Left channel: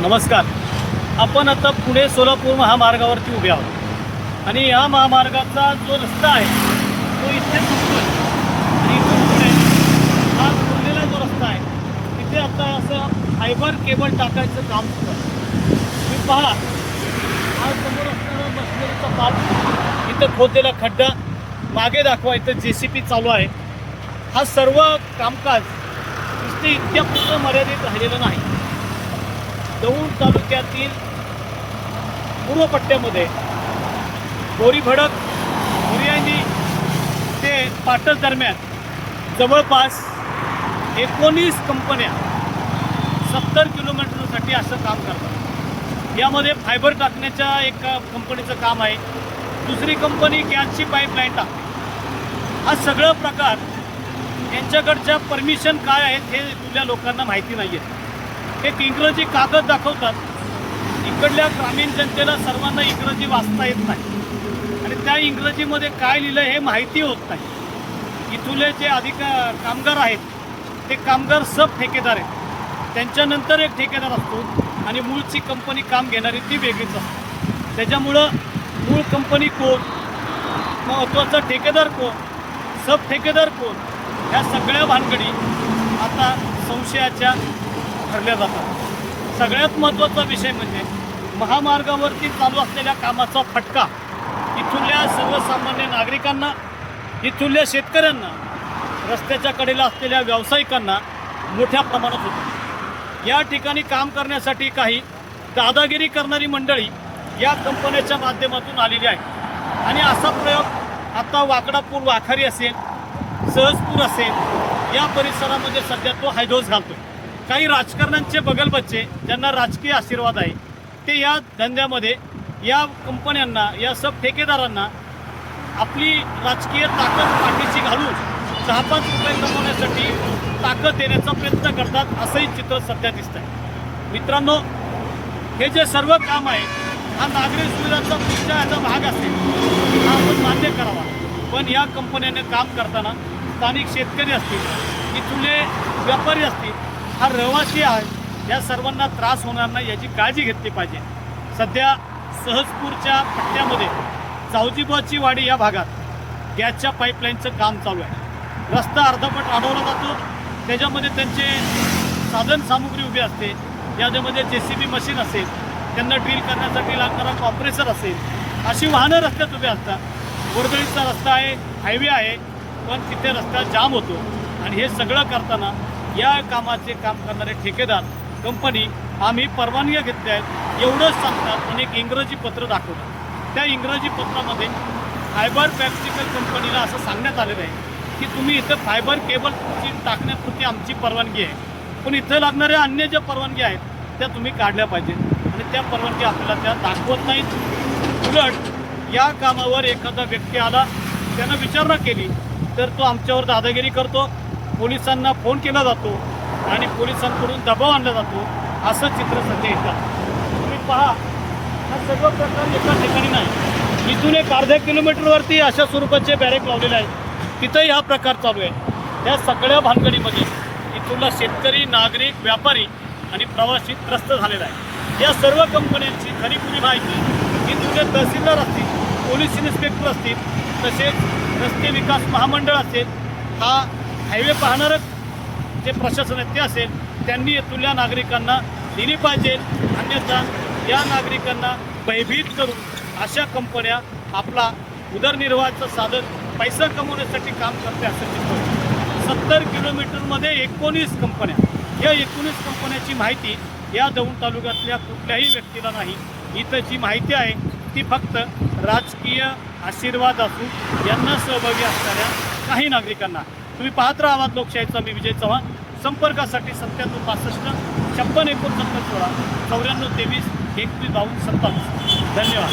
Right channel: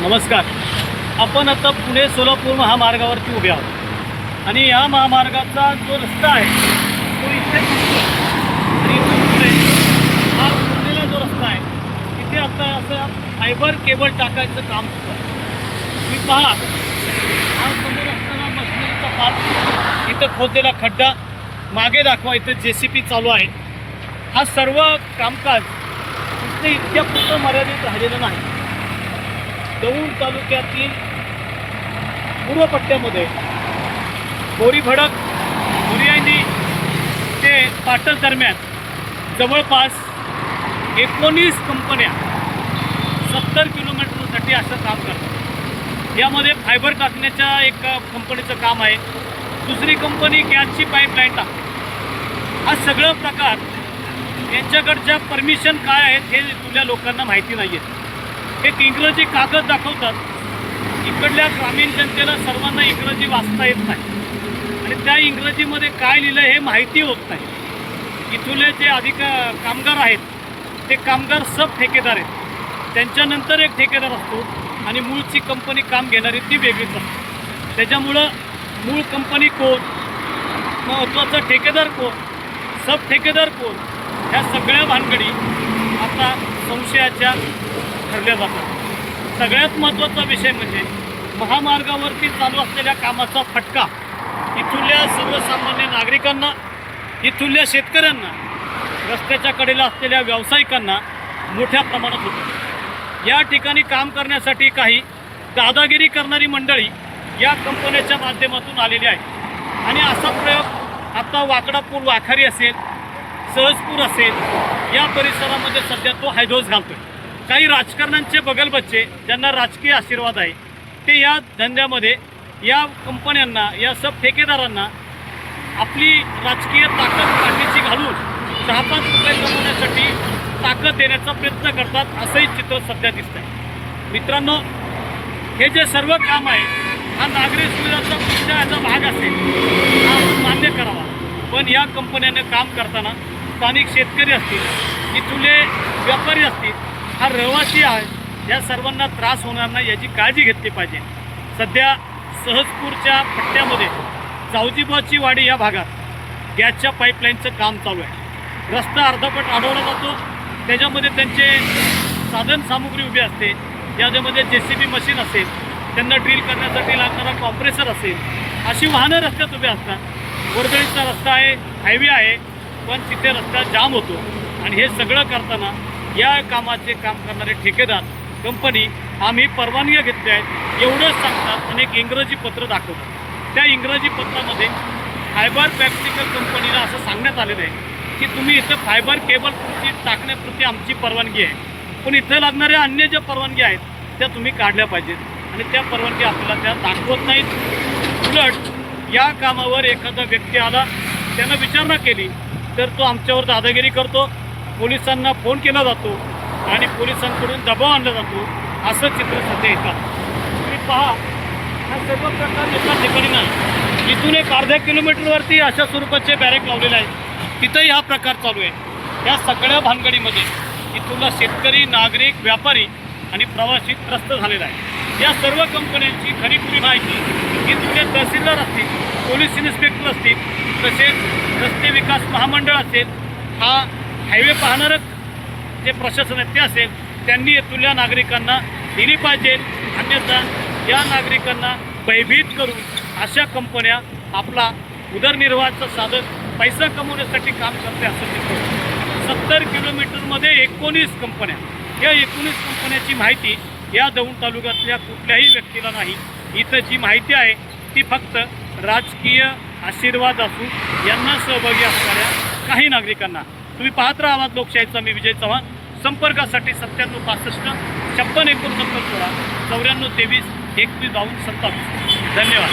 नमस्कार. आपण आता पुणे सोलापूर महामार्गावरती उभे आहोत आणि या महामार्गाचा जो रस्ता आहे तो इथे तुटतोय आणि इथून पुढे हा उरलेला जो रस्ता आहे तिथे आता असं फायबर केबल टाकायचं काम सुरू आहे. तुम्ही पहा, हा समोर असताना मशिनरीचा पार्ट, इथं खोदलेला खड्डा, मागे दाखवा इथं JCB चालू आहे. हा सर्व कामकाज नुसते इतक्या पुरतं मर्यादित राहिलेलं नाही. दौंड तालुक्यातील पूर्व पट्ट्यामध्ये बोरीभडक बोरियानी ते पाटण दरम्यान जवळपास 19 कंपन्या 70 किलोमीटरसाठी असं काम करतात. यामध्ये फायबर टाकण्याच्या एक कंपनीचं काम आहे, दुसरी कंपनी गॅसची पाईपलाईन टाकते. हा सगळं प्रकार यांच्याकडच्या परमिशन काय आहेत हे तुझ्या लोकांना माहिती नाही आहे. एक इंग्रजी कागद दाखवतात, इकडल्या ग्रामीण जनतेला सर्वांना इंग्रजी वाचता येत नाही आणि त्या इंग्रजीमध्ये काय लिहिलं हे माहिती होत नाही. इथले जे कामगार आहेत ते कामगार सब ठेकेदार आहेत. त्यांच्यानंतर एक ठेकेदार असतो आणि मूळची कंपनी काम घेणारी ती वेगळीच असते. त्याच्यामुळं मूळ कंपनी कोण, महत्त्वाचा ठेकेदार कोण, सब ठेकेदार कोण, ह्या सगळ्या भानगडी आता संशयाच्या ठरल्या जातात. सगळ्यात महत्त्वाचा विषय म्हणजे महामार्गावरती चालू असलेल्या कामाचा फटका इथल्या सर्वसामान्य नागरिकांना, इथल्या शेतकऱ्यांना, रस्त्याच्या कडेला असलेल्या व्यावसायिकांना मोठ्या प्रमाणात होतो. या ठिकाणी काम करण्यासाठी काही दादागिरी करणारी मंडळी या कंपन्याच्या माध्यमातून आलेली आहे आणि असा प्रयोग आता वाकडापूर वाखारी असेल, सहजपूर असेल, या परिसरामध्ये सध्या तो हैदोस घालतोय. काही राजकारण्यांचे बगलबच्चे ज्यांना राजकीय आशीर्वाद आहे ते या धंद्यामध्ये या कंपन्यांना, या सब ठेकेदारांना आपली राजकीय ताकद पाठीशी घालून 6-5 रुपये कमवण्यासाठी ताकद देण्याचा प्रयत्न करतात, असंही चित्र सध्या दिसत आहे. मित्रांनो, हे जे सर्व काम आहे हा नागरी सुविधाचा पुढच्या याचा भाग असेल, हा आपण मान्य करावा. पण या कंपन्याने काम करताना स्थानिक शेतकरी असतील, इथले व्यापारी असतील, हा रहिवासी आहे, या सर्वांना त्रास होणार नाही याची काळजी घेतली पाहिजे. सध्या सहजपूरच्या पट्ट्यामध्ये जावजीबाची वाडी या भागात गॅसच्या पाईपलाईनचं काम चालू आहे. रस्ता अर्धवट अडवला जातो, त्याच्यामध्ये त्यांचे साधन सामुग्री उभी असते, याच्यामध्ये JCB मशीन असेल, त्यांना ड्रिल करण्यासाठी लागणारा कॉम्प्रेसर असेल, अशी वाहनं रस्त्यात उभी असतात. वर्दळीचा रस्ता आहे, हायवे आहे, पण तिथे रस्ता जाम होतो आणि हे सगळं करताना या कामाचे काम करणारे ठेकेदार कंपनी आम्ही परवानग्या घेतल्या आहेत एवढंच सांगतात आणि एक इंग्रजी पत्र दाखवतात. त्या इंग्रजी पत्रामध्ये फायबर प्रॅक्टिकल कंपनीला असं सांगण्यात आलेलं आहे की तुम्ही इथं फायबर केबल टाकण्यापुरती आमची परवानगी आहे, पण इथं लागणाऱ्या अन्य ज्या परवानगी आहेत त्या तुम्ही काढल्या पाहिजेत आणि त्या परवानगी आपल्याला त्या दाखवत नाहीत. उलट या कामावर एखादा व्यक्ती आला, त्यानं विचारणा केली तर तो आमच्यावर दादागिरी करतो, पोलिसांना फोन केला जातो आणि पोलिसांकडून दबाव आणला जातो. असं चित्र सध्या येतात. तुम्ही पहा, हा सर्व प्रकार एका ठिकाणी नाही, इथून एक अर्ध्या किलोमीटरवरती अशा स्वरूपाचे बॅरेक लावलेले आहेत, तिथंही हा प्रकार चालू आहे. या सगळ्या भानगडीमध्ये इथूनला शेतकरी, नागरिक, व्यापारी आणि प्रवासी त्रस्त झालेला आहे. या सर्व कंपन्यांची खरीखुरी माहिती इथले तहसीलदार असतील, पोलीस इन्स्पेक्टर असतील, तसेच रस्ते विकास महामंडळ असेल, हा हायवे पाहणारच जे प्रशासन आहे ते असेल, त्यांनी इथल्या नागरिकांना दिली पाहिजे. अन्यथा या नागरिकांना भयभीत करून अशा कंपन्या आपला उदरनिर्वाहाचं साधन, पैसा कमवण्यासाठी काम करते असं चित्र. 70 किलोमीटरमध्ये 19 कंपन्या, या 19 कंपन्याची माहिती या दौंड तालुक्यातल्या कुठल्याही व्यक्तीला नाही. इथं जी माहिती आहे ती फक्त राजकीय आशीर्वाद असून यांना सहभागी असणाऱ्या काही नागरिकांना. तुम्ही पाहत राहा आवाज लोकशाहीचा. मी विजय चव्हाण. संपर्कासाठी 97 65 56 69 16 94 23 21 22 27. धन्यवाद.